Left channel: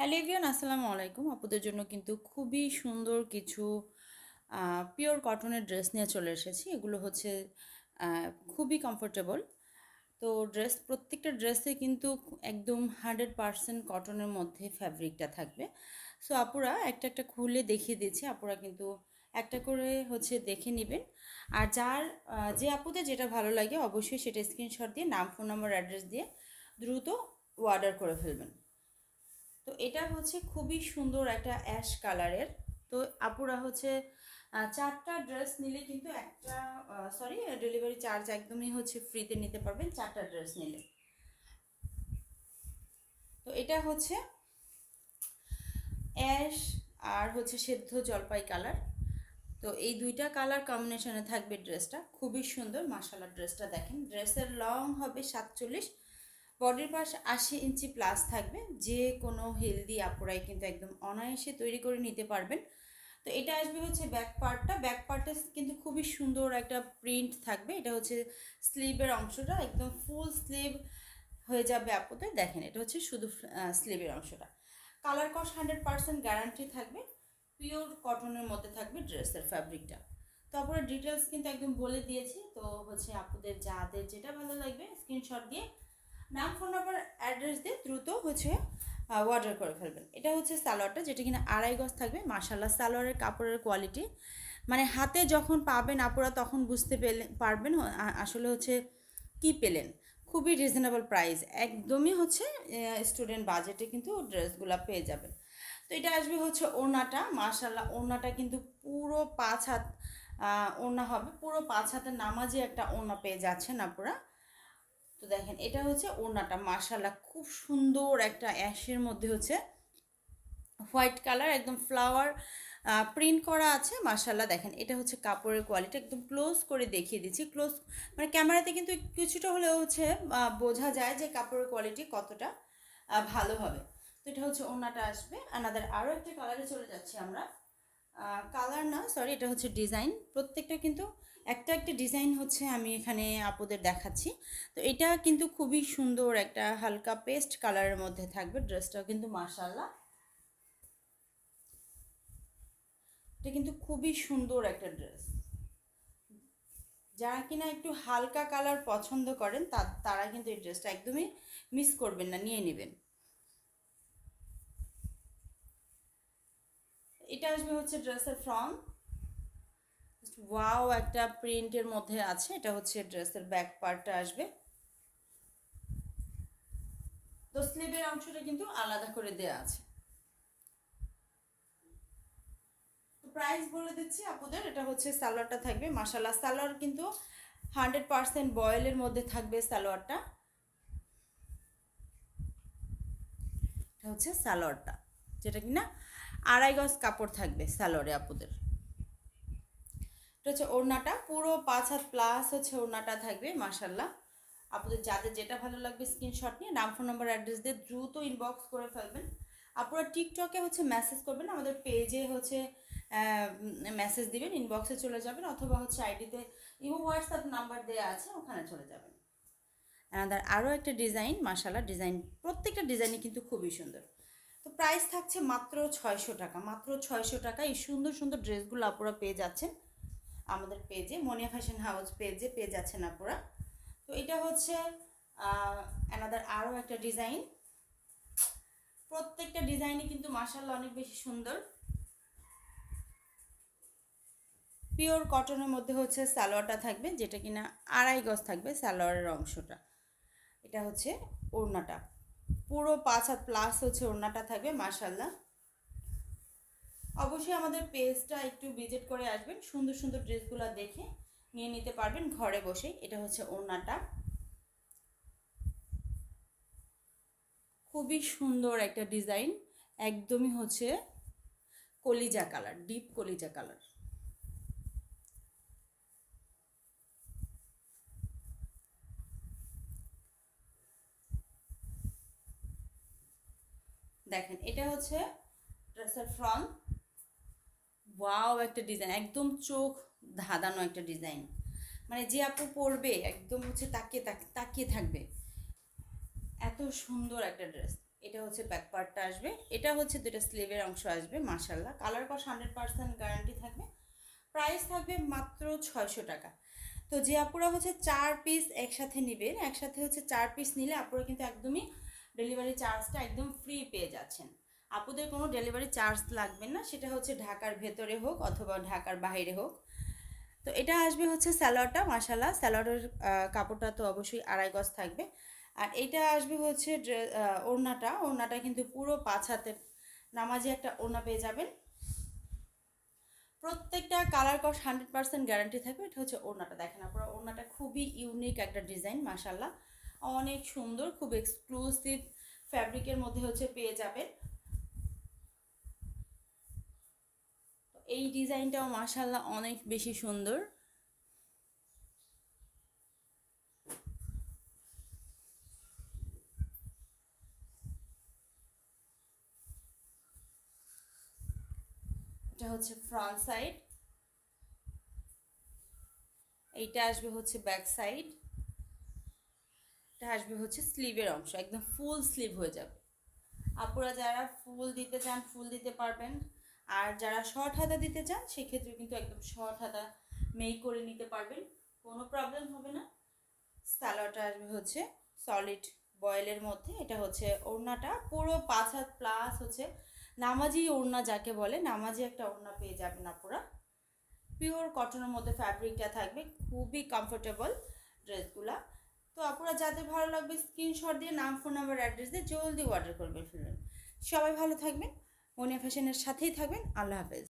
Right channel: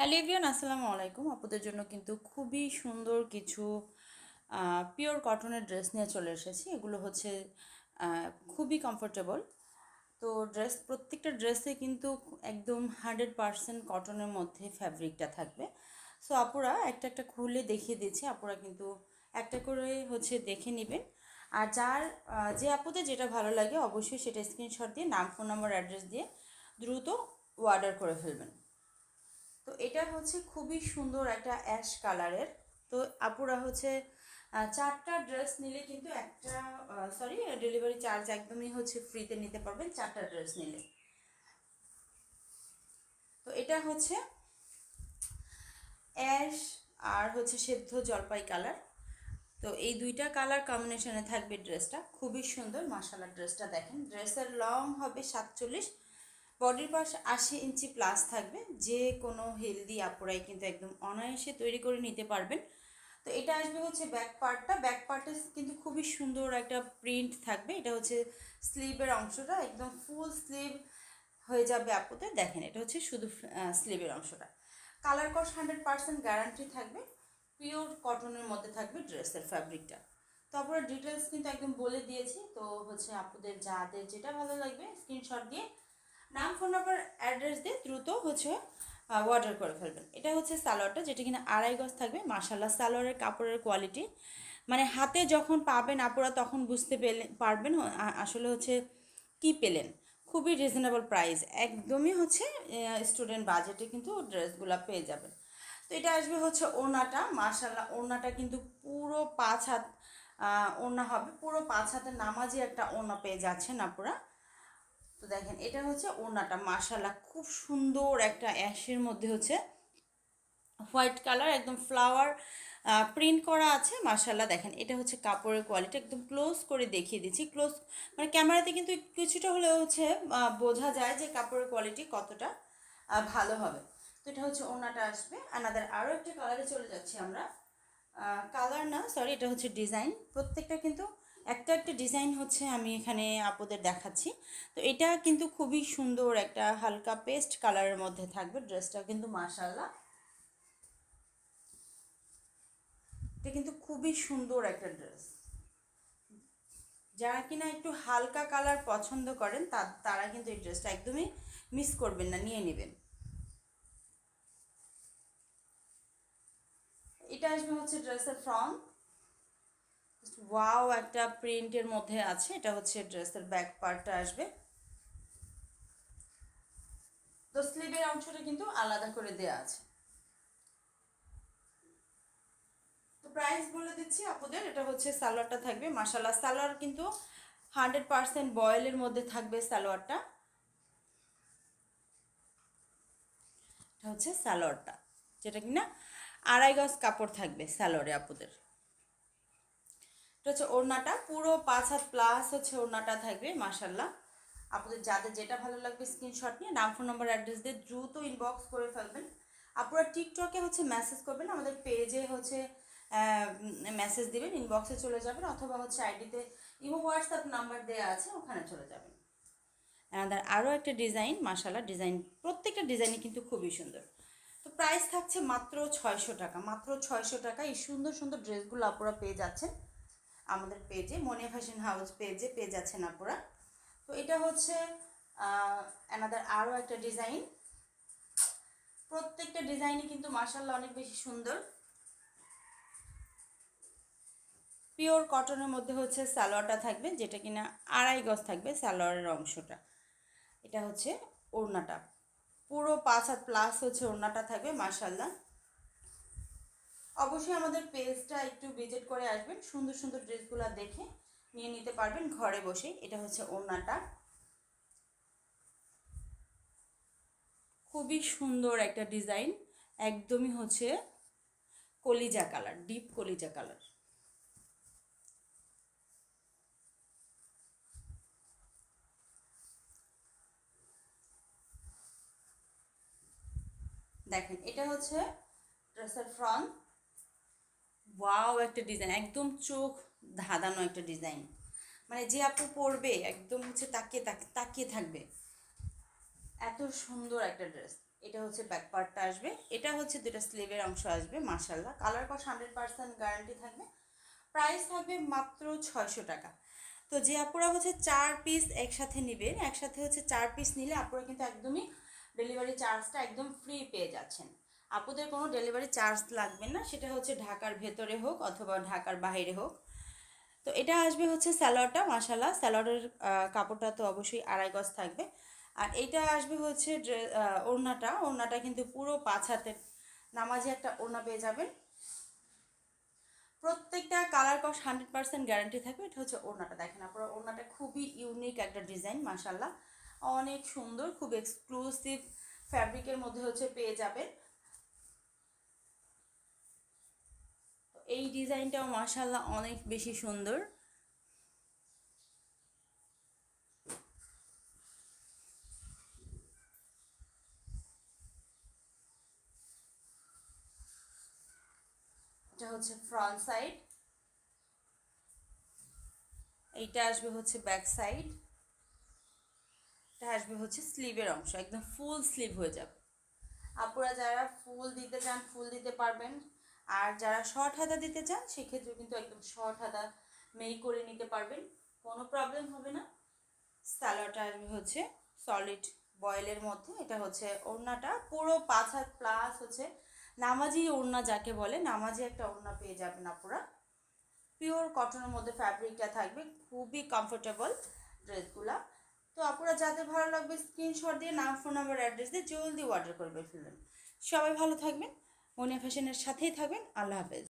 Hello everyone, আসসালামু আলাইকুম। আপুদের জন্য কিন্তু খুবই সুন্দর কিছু পিওর কটনের ড্রেস নিয়ে চলে এসেছি। এগুলো হচ্ছে খুবই কমফোর্টেবল। তো প্রত্যেকটা ড্রেসে কিন্তু একদম 100% কটনের মধ্যে ফ্যাব্রিকটা থাকবে। সো আপুরা একটা একটা খুলে দেখিয়ে দিচ্ছি, আপুরা কিন্তু একটা করে হচ্ছে দেখে নেবেন। আর যে আপুদের যেটা ভালো লাগে অবশ্যই সেটা স্ক্রিনশট দিয়ে নাম, ফোন নম্বর, অ্যাড্রেস দিয়ে দ্রুত অর্ডার করে ফেলবেন। তো এটা হচ্ছে খুবই সুন্দর একটা অ্যাশ কালারের। তো আপুরা হচ্ছে চারটা ড্রেস নিলে কিন্তু ডেলিভারি চার্জ একদমই হচ্ছে ফ্রিতে নিতে পারবেন চারটা ড্রেস নিলে। তো এটা হচ্ছে অ্যাশ আর হচ্ছে সেদ্ধ জলপাই কালার। তো এই দুইটা কালার কম্বিনেশনে থাকবে ড্রেসটা, খুবই সুন্দর। মাশাআল্লাহ, ড্রেসটা দেখেন, ড্রেসের লং হবে 47, বডির পাশ 80 ইঞ্চি প্লাস থাকবে। যে কোনো হেলদি আপুরাই কিন্তু একদম অনায়াসে তৈরি করে নিতে পারবেন। তো এটা আসবে হচ্ছে ব্যাক পার্টে কিন্তু খুবই সুন্দর একটা প্রিন্ট থাকবে। এটা হচ্ছে স্লিভের অংশটা, একদম ফুল স্লিভ হয়ে যাবে আপুদের। দেখেন, এটা হচ্ছে শুধু স্লিভের অংশটা। কালার কস 100% গ্যারান্টি থাকবে, পিওর কটনের মধ্যে থাকবে ড্রেসের ফ্যাব্রিকটা। তো আপনারা ডিটেলস কিন্তু একদম বলে দিয়েছি। তো হচ্ছে আপুদের যাদের যেটা ভালো লাগবে স্ক্রিনশট দিয়ে নাম, ফোন নাম্বার, অ্যাড্রেস দিয়ে দ্রুত হচ্ছে অর্ডার করে ফেলবেন। এটা হচ্ছে সালোয়ারটা, যেটা কিনা 2.5 গজ থাকবে। মাশাআল্লাহ, সালোয়ারের কাপড়ের কোয়ালিটি মানে হাতে যখন পাবেন আপুরা তখন বুঝতে পারবেন আসলে হচ্ছে কি পেলেন। খুবই রিজনেবল প্রাইস, একদমই হচ্ছে স্টুডেন্ট বাজেটে কিন্তু ড্রেসগুলো পেয়ে যাবেন। তো এটা আসবে হচ্ছে ওড়নাটা। মাশাআল্লাহ, ওড়নাটা কিন্তু পুরো 5 হাত ওড়না হবে, পুরো 5 হাতের নামাজি একটা ওড়না পেয়ে যাচ্ছেন আপুরা। তো দেখেন, এটা হচ্ছে ওড়নাটা। মাশাআল্লাহ, খুব সুন্দর একটা অ্যাশের মধ্যে হচ্ছে হোয়াইট কালার, একদম ফ্লাওয়ার প্রিন্ট করা আছে। মাশাআল্লাহ, দেখেন এটা হচ্ছে কাপড়ের কোয়ালিটি। একদম ক্লোজ করে দেখিয়ে দিচ্ছি, ক্লোজ মানে ক্যামেরাতে কিন্তু কিছুটা হলেও হচ্ছে বোঝা যায় যে কাপড়ের কোয়ালিটি কতটা ভালো হবে। তো এটা হচ্ছে ওড়নাটা আসবে। আমাদের আরও একটা কালারে চলে যাচ্ছি আমরা। কালার না, সরি, এটা হচ্ছে ডিজাইন। প্রত্যেকটা কিন্তু একটা একটা ডিজাইন হচ্ছে আমি এখানে আপুদের দেখাচ্ছি। তো এটা কিন্তু খুবই সুন্দর একটা হালকা পেস্ট কালারের মধ্যে থাকবে ড্রেসটাও কিন্তু। মাশাআল্লাহ, এটা কিন্তু খুবই সুন্দর একটা ড্রেস। যারা কিনা একটু হালকা কালার পছন্দ করেন তারা কিন্তু এই ড্রেসটা একদমই মিস করবেন না, নিয়ে নেবেন। এটা আসবে হচ্ছে ড্রেসের ফ্রন্ট। ওয়াও, একটা প্রিন্টের মধ্যে আছে। এটা হচ্ছে ড্রেসের ব্যাক পার্টটা আসবে। তো স্লিভের অংশটা কিন্তু আলাদা করে দেওয়া আছে। তো প্রাইস বলে দিচ্ছি আপুদের। এটা হচ্ছে সালোয়ারটা থাকবে। মাশাআল্লাহ, সালোয়ার কিন্তু 100% বয়েলের মধ্যে থাকবে সালোয়ারটা। এটা হচ্ছে সালোয়ারটা, যেটা কিনা 2.5 গজ কাপড় থাকবে সালোয়ারে আপুদের। এটা হচ্ছে ওড়নাটা, পুরো 5 হাত প্লাস হচ্ছে ওড়নাটা থাকবে। মাশাআল্লাহ, আপনাদের যাদের যেটা ভালো লাগবে স্ক্রিনশট নিয়ে নাম, ফোন নম্বর, অ্যাড্রেস দিয়ে দ্রুত ইনবক্স করে ফেলবেন। আপনারা টিকটকে হচ্ছে মেসেজ করবেন, আমাদের পেজে হচ্ছে মেসেজ দিবেন, ইনবক্সে চলে যাবেন, অথবা হচ্ছে আইডিতে ইমো হোয়াটসঅ্যাপ নাম্বার দেওয়া আছে, ওখানে চলে যাবেন। আমাদের আরও একটা ডিজাইন। মাশাআল্লাহ, ডিজাইন প্রত্যেকটা ডিজাইনই কিন্তু খুবই সুন্দর। তো প্রাইস থাকছে মাত্র 600 টাকা। মাত্র 600 টাকা এই সুন্দর সুন্দর ড্রেসগুলো আপনারা পেয়ে যাচ্ছেন আমাদের পেজে, মনিয়া ফ্যাশন হাউস পেজে পেয়ে যাচ্ছেন আপনারা। তো এটা হচ্ছে আমাদের আরও একটা ডিজাইন। প্রত্যেকটা ডিজাইনই কিন্তু মাশাআল্লাহ অনেক বেশি সুন্দর। পিওর কটনের মধ্যে হচ্ছে সালোয়ারটা থাকবে, যেটা কিনা 2.5 গজ থাকবে সালোয়ারের অংশটা। এটা হচ্ছে ওড়নাটা, পুরো 5 হাত প্লাস হচ্ছে ওড়নাটা থাকবে। মাশাআল্লাহ, অবশ্যই আমাদের পেজটা একটু ভিজিট করে আসবেন, সুন্দর সুন্দর ড্রেসগুলো দেখে নিয়ে নিতে পারবেন ঘরে বসে। এটা হচ্ছে ওড়নাটা, খুবই সুন্দর একটা ডিজাইন, একদমই হচ্ছে কলিজা কালার, ডিপ কলিজা কালার। দেখেন, এটা হচ্ছে ড্রেসের ফ্রন্ট। ওয়াও, একটা ডিজাইন, একদম চোখ ধাঁধানো একটা ডিজাইন। মানে যে আপু পরবে একদম হচ্ছে তাকিয়ে তাকিয়ে থাকবে, এত সুন্দর একটা ড্রেস। এটা হচ্ছে ব্যাক পার্টটা আসবে, এটা হচ্ছে দুটো স্লিভের অংশ আসবে। মাশাল্লাহ, কালার কস 100% গ্যারান্টি থাকবে। প্রাইস থাকবে মাত্র 600 টাকা। তো যে আপুরা হচ্ছে 4 পিস একসাথে নেবেন, একসাথে হচ্ছে 4 পিস নিলে আপুরা কিন্তু একদমই ডেলিভারি চার্জটা একদম ফ্রি পেয়ে যাচ্ছেন। আপুদের কোনো ডেলিভারি চার্জ লাগবে না, সেটা হচ্ছে ঢাকার ভেতরে হোক অথবা ঢাকার বাইরে হোক। তো এটা আসবে হচ্ছে স্যালোয়ারটা, মাশাল্লাহ স্যালোয়ারের কাপড়টা তো অবশ্যই 2.5 গজ থাকবে। আর এইটা আসবে হচ্ছে ওড়নাটা, ওড়নাটা কিন্তু পুরো 5 হাতের নামাজি একটা ওড়না পেয়ে যাবেন। প্রত্যেকটা কালার কস 100% গ্যারান্টি থাকবে। এটা হচ্ছে ওড়নাটা, দেখেন আপনারা ওড়নাটা খুবই ইউনিক একটা ডিজাইন, মাশাল্লাহ অনেক সুন্দর, খুব এক্সক্লুসিভ ফ্যাব্রিকের মধ্যে হচ্ছে পেয়ে যাবেন। এই ডিজাইনটাও মাশাল্লাহ অনেক বেশি সুন্দর। এটা হচ্ছে ফ্রন্ট সাইড, এইটা আসবে হচ্ছে ব্যাক সাইড, এটা আসবে হচ্ছে স্লিভের অংশ, একদম ফুল স্লিভ হয়ে যাবে। আপুরা যারা ফুল দিতে চান ফুল দিতে পারবেন, আর যারা শর্ট হাতা দিতে চান সেক্ষেত্রে কিন্তু একদম শর্ট হাতা মেক করে নিতে পারবেন, কোনো প্রবলেম হবে না। সালোয়ারটা আসবে হচ্ছে সলিড বয়েলের মধ্যে। এটা হচ্ছে ওড়নাটা পুরো 5 হাত প্লাস হচ্ছে নামাজি ওড়না যাকে বলে, নামাজি একটা ওড়না পেয়ে যাবেন আপুরা। পিওর কটনের মধ্যে ফ্যাব্রিকটা থাকবে, খুবই কমফোর্টেবল ড্রেসগুলা। তো আপনারা যাদের ভালো লাগবে স্ক্রিনশট দিয়ে নাম, ফোন নাম্বার, অ্যাড্রেস দিয়ে জলদি অর্ডার করবেন ফেলবেন। সবাই ভালো থাকবেন, মনিয়া ফ্যাশনের সাথেই থাকবেন। আল্লাহ হাফেজ।